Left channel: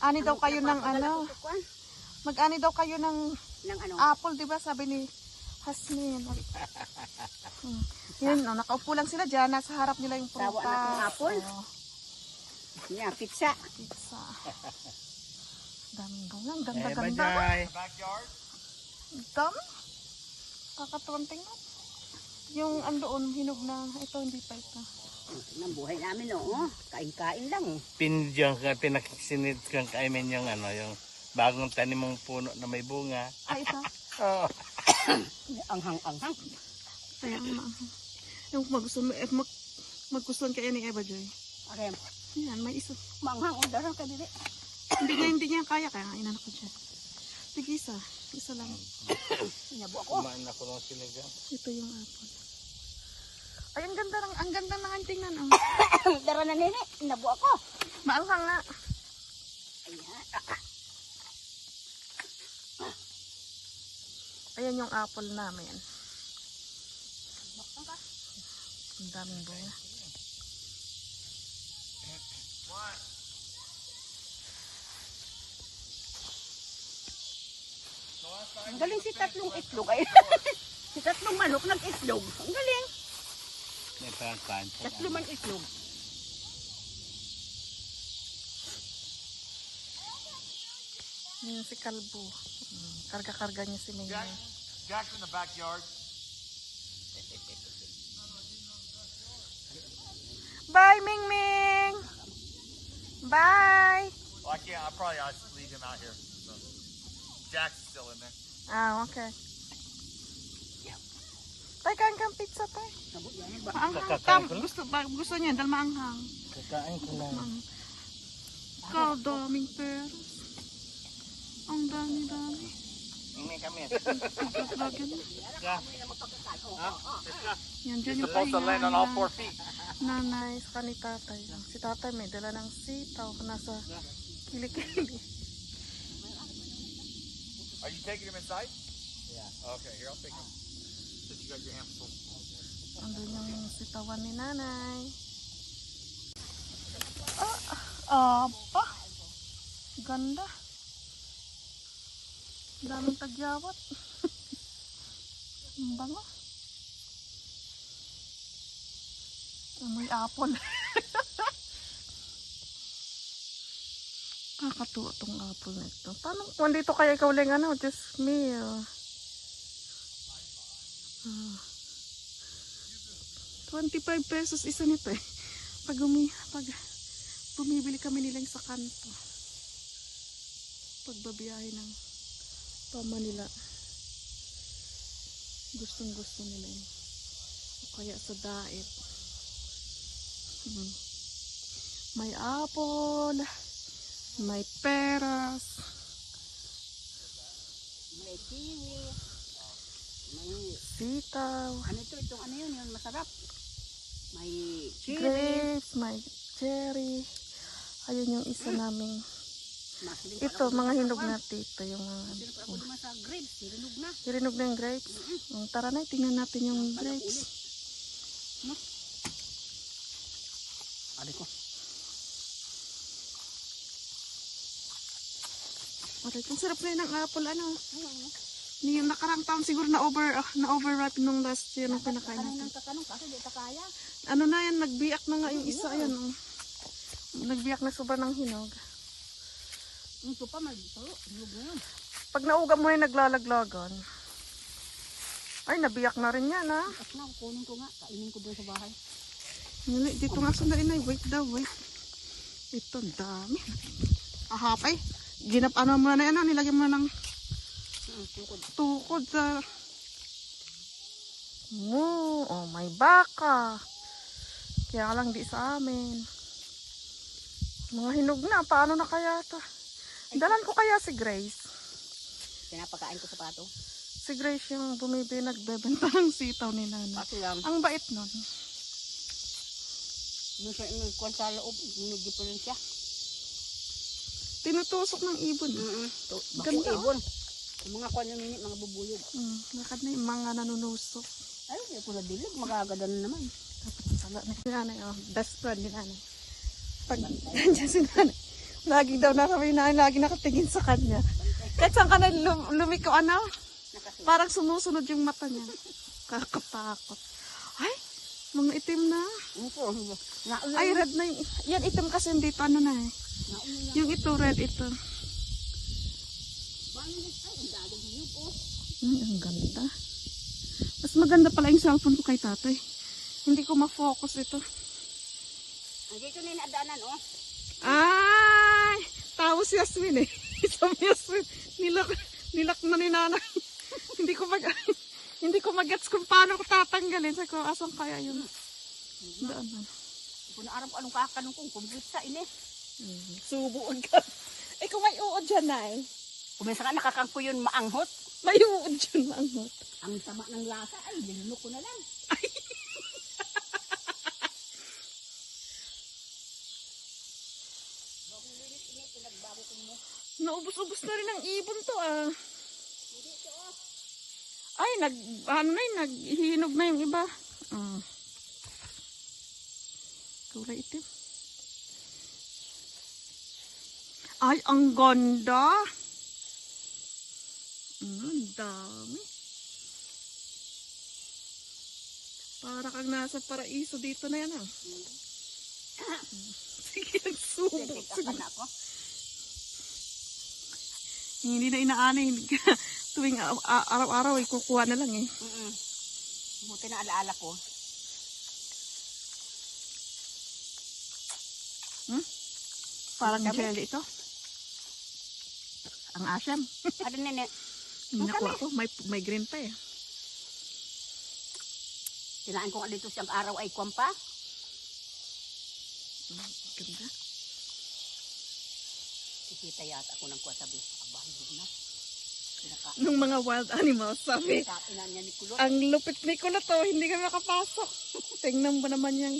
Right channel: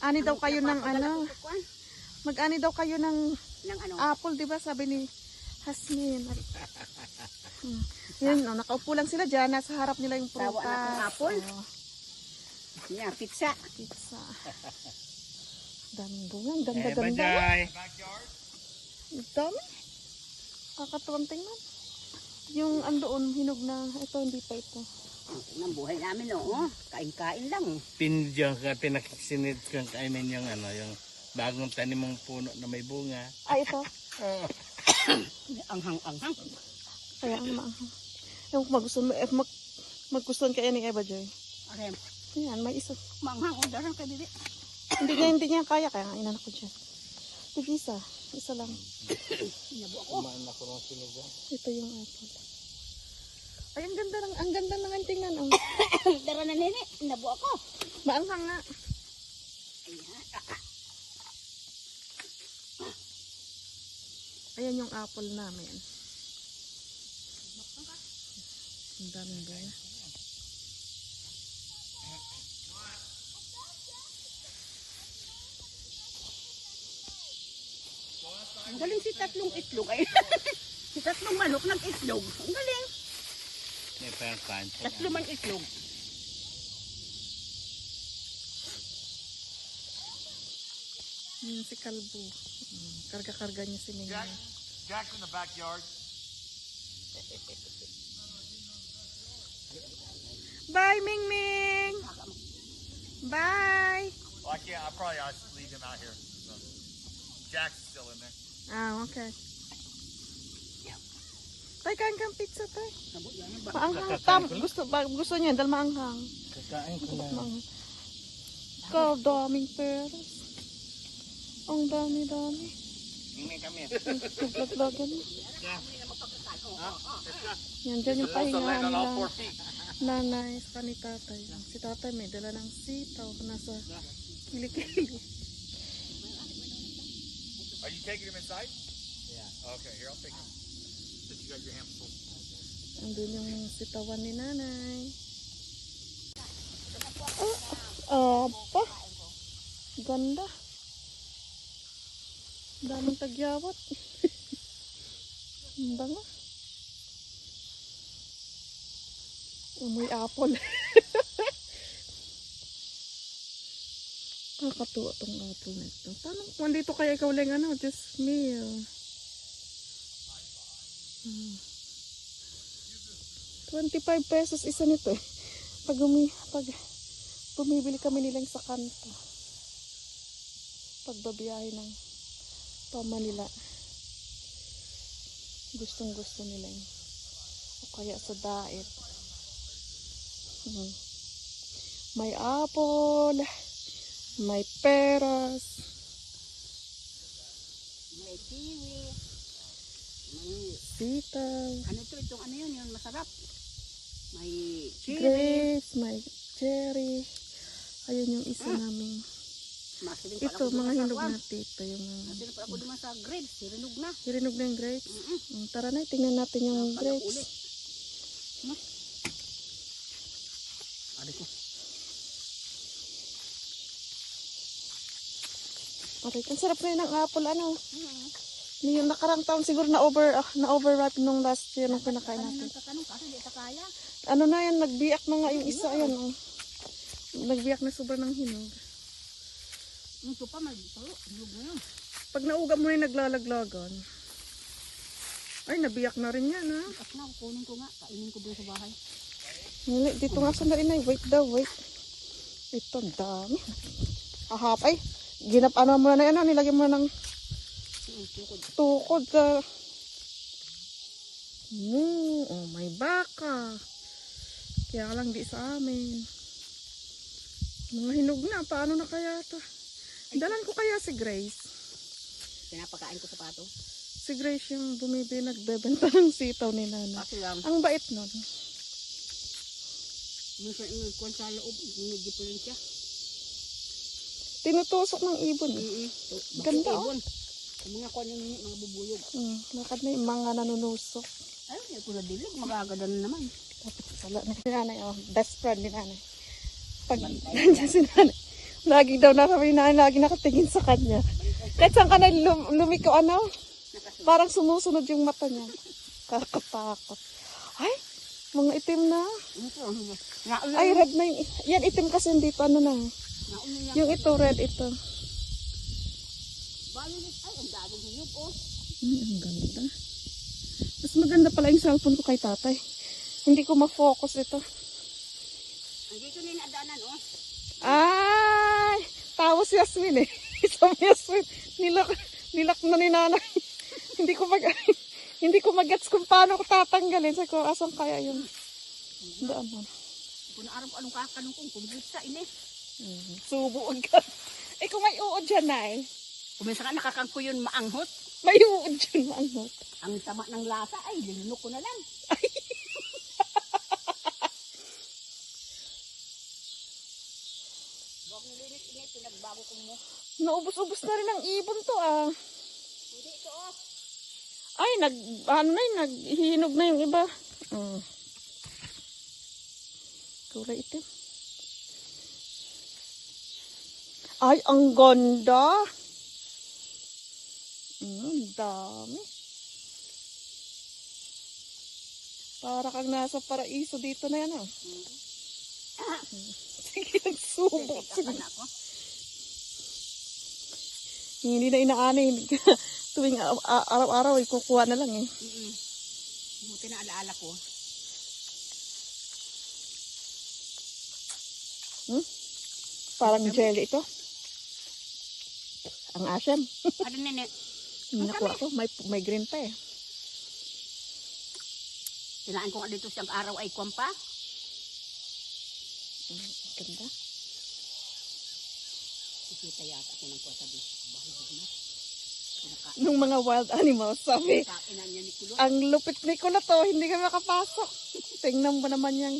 Ani daw kayo ng ano? Mag-ani daw kayo ng ano? apple, di ba? Sabi ni Hasmin. Yan, no, nakaupo lang sila dyan. Nasa harap nila yung prutas. Tawa na kong apple. Yan, pizza. Pizza. Daming bungang, ganda. Bajay. Dami. Nakatuwang tingnan. Yung andoon, hinog na. Ito, hindi pa ito. Ang buhay namin, oo. Kain-kain lang. Pindyang ka, pinaksinit kang kaimin yung ano, yung bagong tanim mong puno na may bunga. Ay, ito. Oh. Anghang-anghang. Kaya ano. Yung magustuhan kaya ni Eva Joy. Arem. Yan, may isa. Manghang, o darang ka dili. Hindi niya kaya. Kaya inan ko dyan. Sige, isa. Isa lang. Sinabo ako. Kumain ako ng sinigang. Ito yung apple. Ay, ang ganda ng ang tingnan. Dara na nini. Sinabo ako. Maanghang nga. Ayan. Ayan yung apple namin. Ang daming bunga. Ang galing si tatlong itlog. Ay, si tatlong manok nag-itlog. Ang galing. May parang kain. Tatlo man itlog. Yan si Kalbo. Karga-karga niya si Mingming. Jack's in the backyard. Bye, Mingming! Bye! Well, I'll probably just leave him out here. So. Jack's still in there. Ah, okay. Tay, kain kang pizza, tay. Nabo yan. Ba? Kakain ko lang. Gusto niya, dahil maanghang. Kakain ko lang. Ikaw, daming pera. Ang dami-dami. May kami. Naglaglagyan. Yeah. Yan, dyan yung Supposed to land on all 4 feet. nanay sa ni tatay. Si tatay may dala ng sitaw. Nasa kilikili. Are you taking him inside? Yeah. Okay, here, I'll take him. Since you got your hands full. Andun yung sitawan ni nanay. Apa. Ganda. Daming tagyawat. Ang bango. May apple. Kakatuwa tong apple na ito. Paano kung dito kaya ikaw lang ano? Just me. 25 pesos isa nito eh. Pag bumibili kami nilang sa kanto. Pagbabiyahe ng pa-Manila. Gustong gusto nila yun. O kaya sa daet. May apple. May peras. May kiwi. May Sitaw. ano ito? Itong ano yun? Yung masarap. May kiwi. Grapes. May cherry. Ayun yung isa naming. Ito, mga hinog na tito. Yung mga Sino pa ako naman sa grapes? Sirinog na. hirinog na yung grapes. Tara na, tingnan natin yung Ulit. grapes. No? Ari ko. Aray, ang sarap na yun ng apple. Ano? Yung nakarang taon siguro na overripe nung last year na pinakain Kanong natin. nang kakanong kasi di ta kaya. Ano na yan, nagbiyak na nga yung isa. Ayan, oh. Nagbiyak na sobra ng hinog. Ito pa magpalo. Hinog na yun. Pag nauga mo yung naglalaglagan. Ay, nabiyak na rin yan, ha? At na, kunin ko nga. Kainin ko doon sa bahay. Nili, dito nga sandali na. Wait daw, wait. Ito, ang dami. Ahap, ay. Ano mo na yan, nilagyan mo ng tukod sa... Oh, may baka. Kaya lang di sa amin. Mga hinog na. Paano na kaya ito? Dalan ko kaya si Grace. Pinapakain ko sa pato. Si Grace yung bumibili nagbebenta ng sitaw ni Nana. Pato lang. Ang bait nun. Yung kwan sa loob. Yung diferensya. Tinutusok ng ibon. Ganda, oh. Yung mga kwan yung mga bubuyog. Lakad na yung mga nanunusok. Ay, yung kung nadilig, magagada na naman. Tapos sala na si Nanay. Oh, best friend ni Nanay. Pag nandiyan si Nanay, Lagi daw narawi na, lagi nakatingin sa kanya. Kahit saan ka na lumiko, ano? Nakasunod. Parang sumusunod yung mata niya. Takot-takot. Ay, mga itim na. Naulan. Ay, red na yung, yan itim kasi dito, ano na eh. Naulan yan. Yung ito, red ito. Balilis. Ay, ang daling hiyog, oh. Ang ganda. Mas maganda pala yung cellphone ko kay tatay. Hindi ko ma-focus ito. Andito na yung nadaanan, oh. Ay! Tawa si Yasmin eh. Isang Yasmin. Nilak na ni nanay. hindi ko magets kung paano ko tatanggalin. Sabi ko, asan kaya yun? Daan. Kung na araw anong kakanong kong kumbutsa, ini. Subuog ka. Eh kung may uod dyan na eh. Kumisa ka nakakangko yun maanghot. May uod dyan na ano. Ang tama ng lasa, ay, linunok ko na lang. Huwag mo linis, ini, pinagbago ko mo. Naubos-ubos na rin ang ibon to ah. Hindi ito, oh. Ay, naghihinog na yung iba. Pura ito. Ay, ang ganda. Ang dami. Para kang nasa paraiso dito na yan ah. Sige, nagsubok. Take na ako. Hindi na inaani. Tuwing araw-araw ay kukuha na lang eh. Buti na alaala ko. Parang jelly ito. Ang asim. Ano nene? Nakuha ko. May green pa eh. Tinaan ko nga dito siyang araw ay kwampa. Ganda. Kikita yata ako ng kwa sabi. Abang, na. Nung mga wild animals, sabi, Kapinan niya ni Kulot. ang lupit ni ko na to, hindi kami makapasok. Tingnan mo naman yung